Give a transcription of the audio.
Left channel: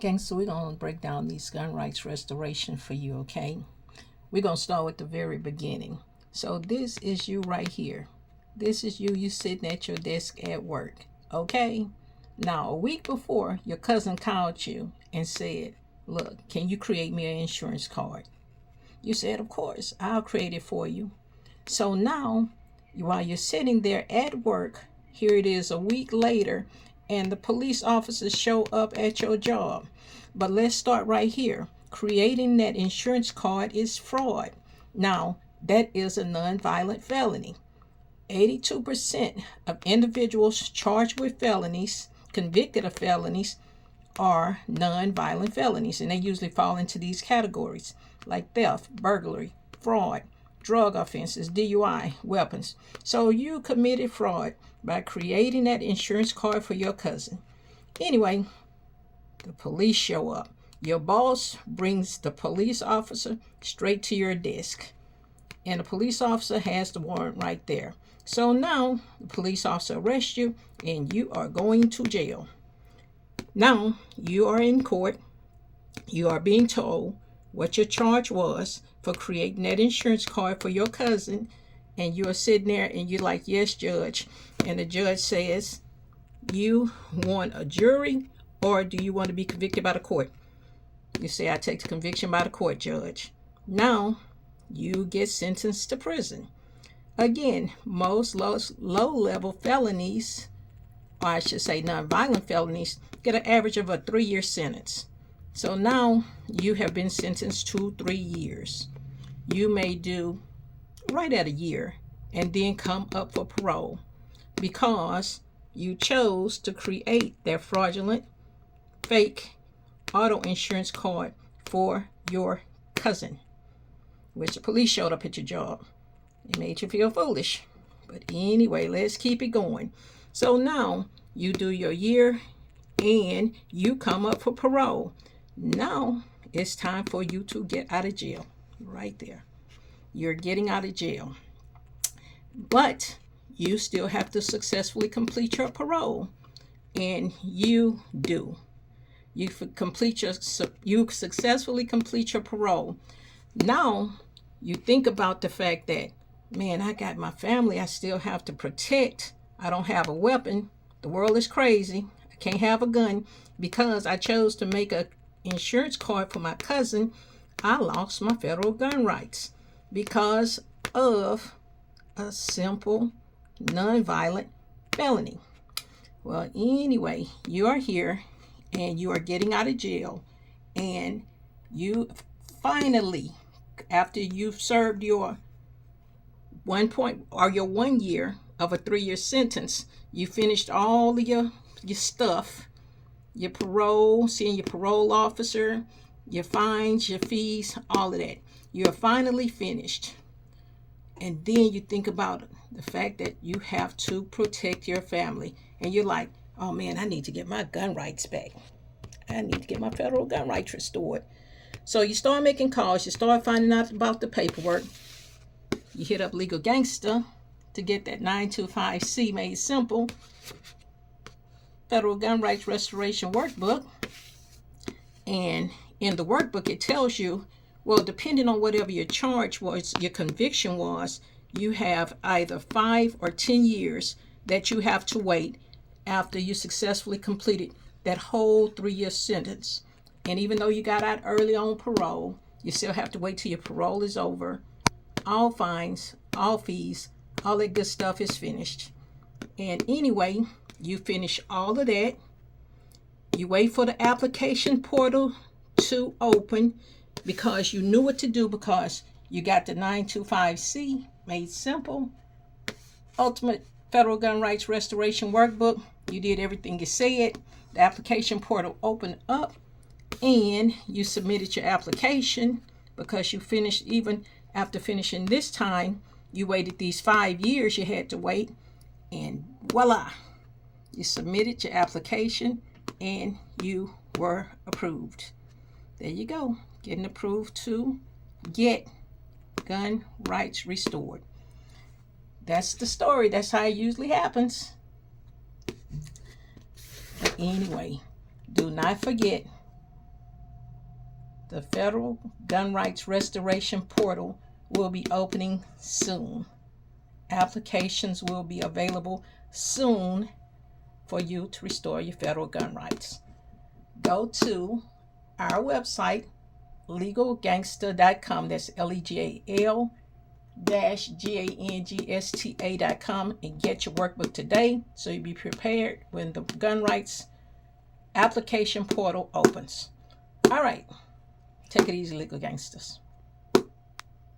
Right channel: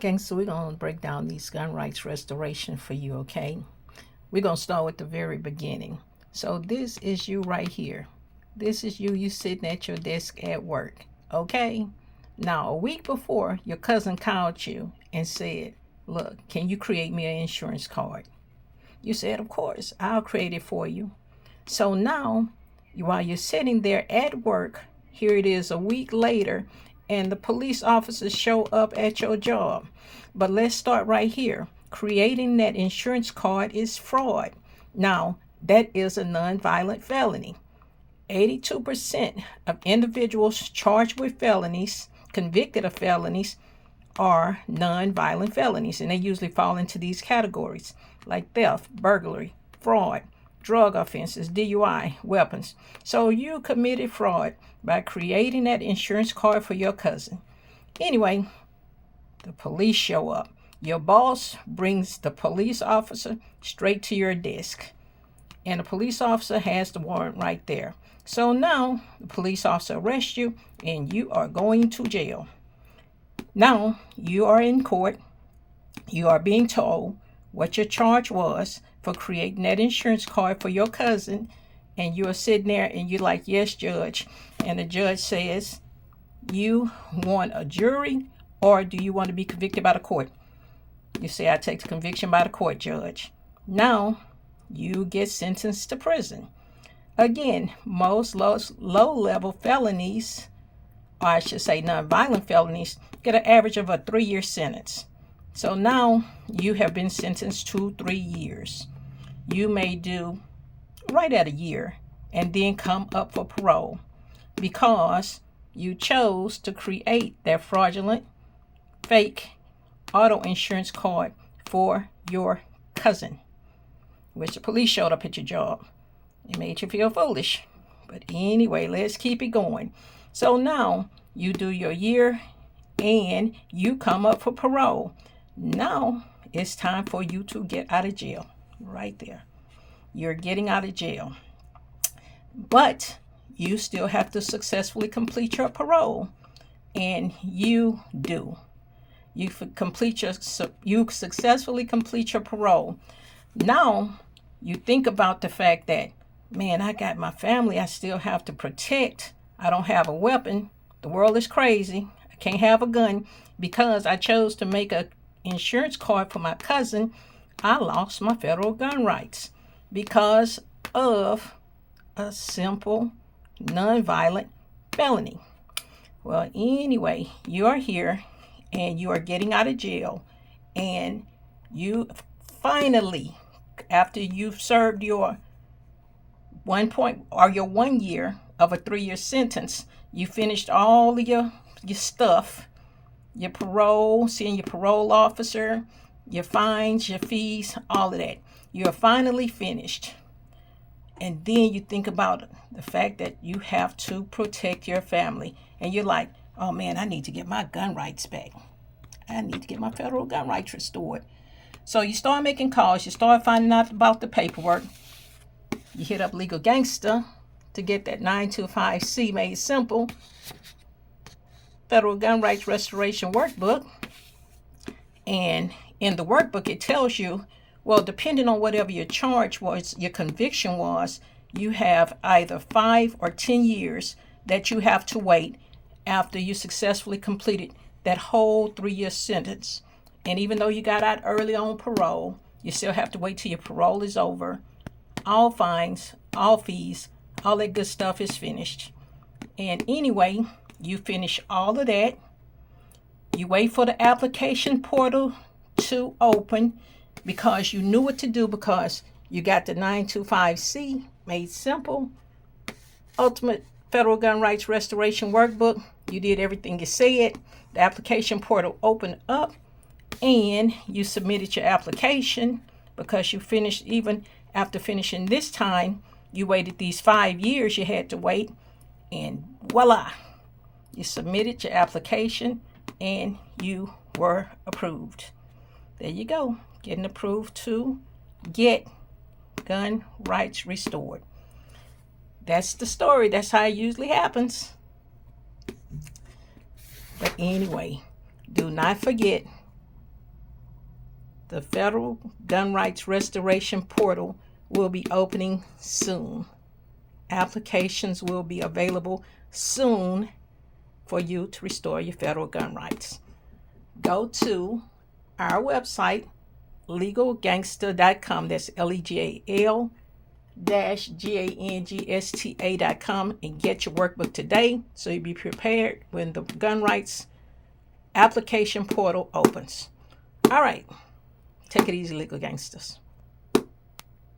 Gangsta, we're going to break down these gun rights restoration for you, okay? We're going to start with the very beginning. So this is you right here. This is you sitting at your desk at work, okay? Now, a week before, your cousin called you and said, look, can you create me an insurance card? You said, of course, I'll create it for you. So now, while you're sitting there at work, here it is a week later, and the police officers show up at your job. But let's start right here. Creating that insurance card is fraud. Now, that is a nonviolent felony. 82% of individuals charged with felonies, convicted of felonies, are nonviolent felonies, and they usually fall into these categories like theft, burglary, fraud, drug offenses, DUI, weapons. So you committed fraud by creating that insurance card for your cousin. Anyway, the police show up. Your boss brings the police officer straight to your desk, and the police officer has the warrant right there. So now the police officer arrests you and you are going to jail. Now you are in court. You are being told what your charge was for creating that insurance card for your cousin, and you're sitting there and you're like, yes, judge. And the judge says, you want a jury or do you want to be convicted by the court? You say, I take the conviction by the court, judge. Now you get sentenced to prison. Again, most low-level felonies, or I should say nonviolent felonies, get an average of a 3-year sentence. So now you have been sentenced to 3 years. You may do right at a year and then come up for parole because you chose to create that fraudulent, fake auto insurance card for your cousin, which the police showed up at your job. It made you feel foolish. But anyway, let's keep it going. So now you do your year and you come up for parole. Now it's time for you to get out of jail. Right there. You're getting out of jail. But you still have to successfully complete your parole. And you do. You successfully complete your parole. Now you think about the fact that, man, I got my family I still have to protect. I don't have a weapon. The world is crazy. I can't have a gun because I chose to make an insurance card for my cousin. I lost my federal gun rights because of a simple, nonviolent felony. Well, anyway, you are here and you are getting out of jail, and you finally, after you've served your 1 year of a 3-year sentence, you finished all of your stuff, your parole, seeing your parole officer, your fines, your fees, all of that. You're finally finished. And then you think about the fact that you have to protect your family. And you're like, oh man, I need to get my gun rights back. I need to get my federal gun rights restored. So you start making calls. You start finding out about the paperwork. You hit up Legal Gangsta to get that 925C made simple federal gun rights restoration workbook. And in the workbook, it tells you, well, depending on whatever your charge was, your conviction was, you have either 5 or 10 years that you have to wait after you successfully completed that whole 3-year sentence. And even though you got out early on parole, you still have to wait till your parole is over. All fines, all fees, all that good stuff is finished. And anyway, you finish all of that. You wait for the application portal to open because you knew what to do, because you got the 925C made simple, ultimate federal gun rights restoration workbook. You did everything you said. The application portal opened up and you submitted your application because you finished. Even after finishing this time, you waited these 5 years you had to wait, and voila, you submitted your application and you were approved. There you go, getting approved to get gun rights restored. That's the story. That's how it usually happens. But anyway, do not forget The Federal Gun Rights Restoration Portal will be opening soon. Applications will be available soon for you to restore your federal gun rights. Go to our website, legalgangsta.com. That's legal-gangsta.com, and get your workbook today so you'll be prepared when the gun rights application portal opens. All right. Take it easy, legal gangsters.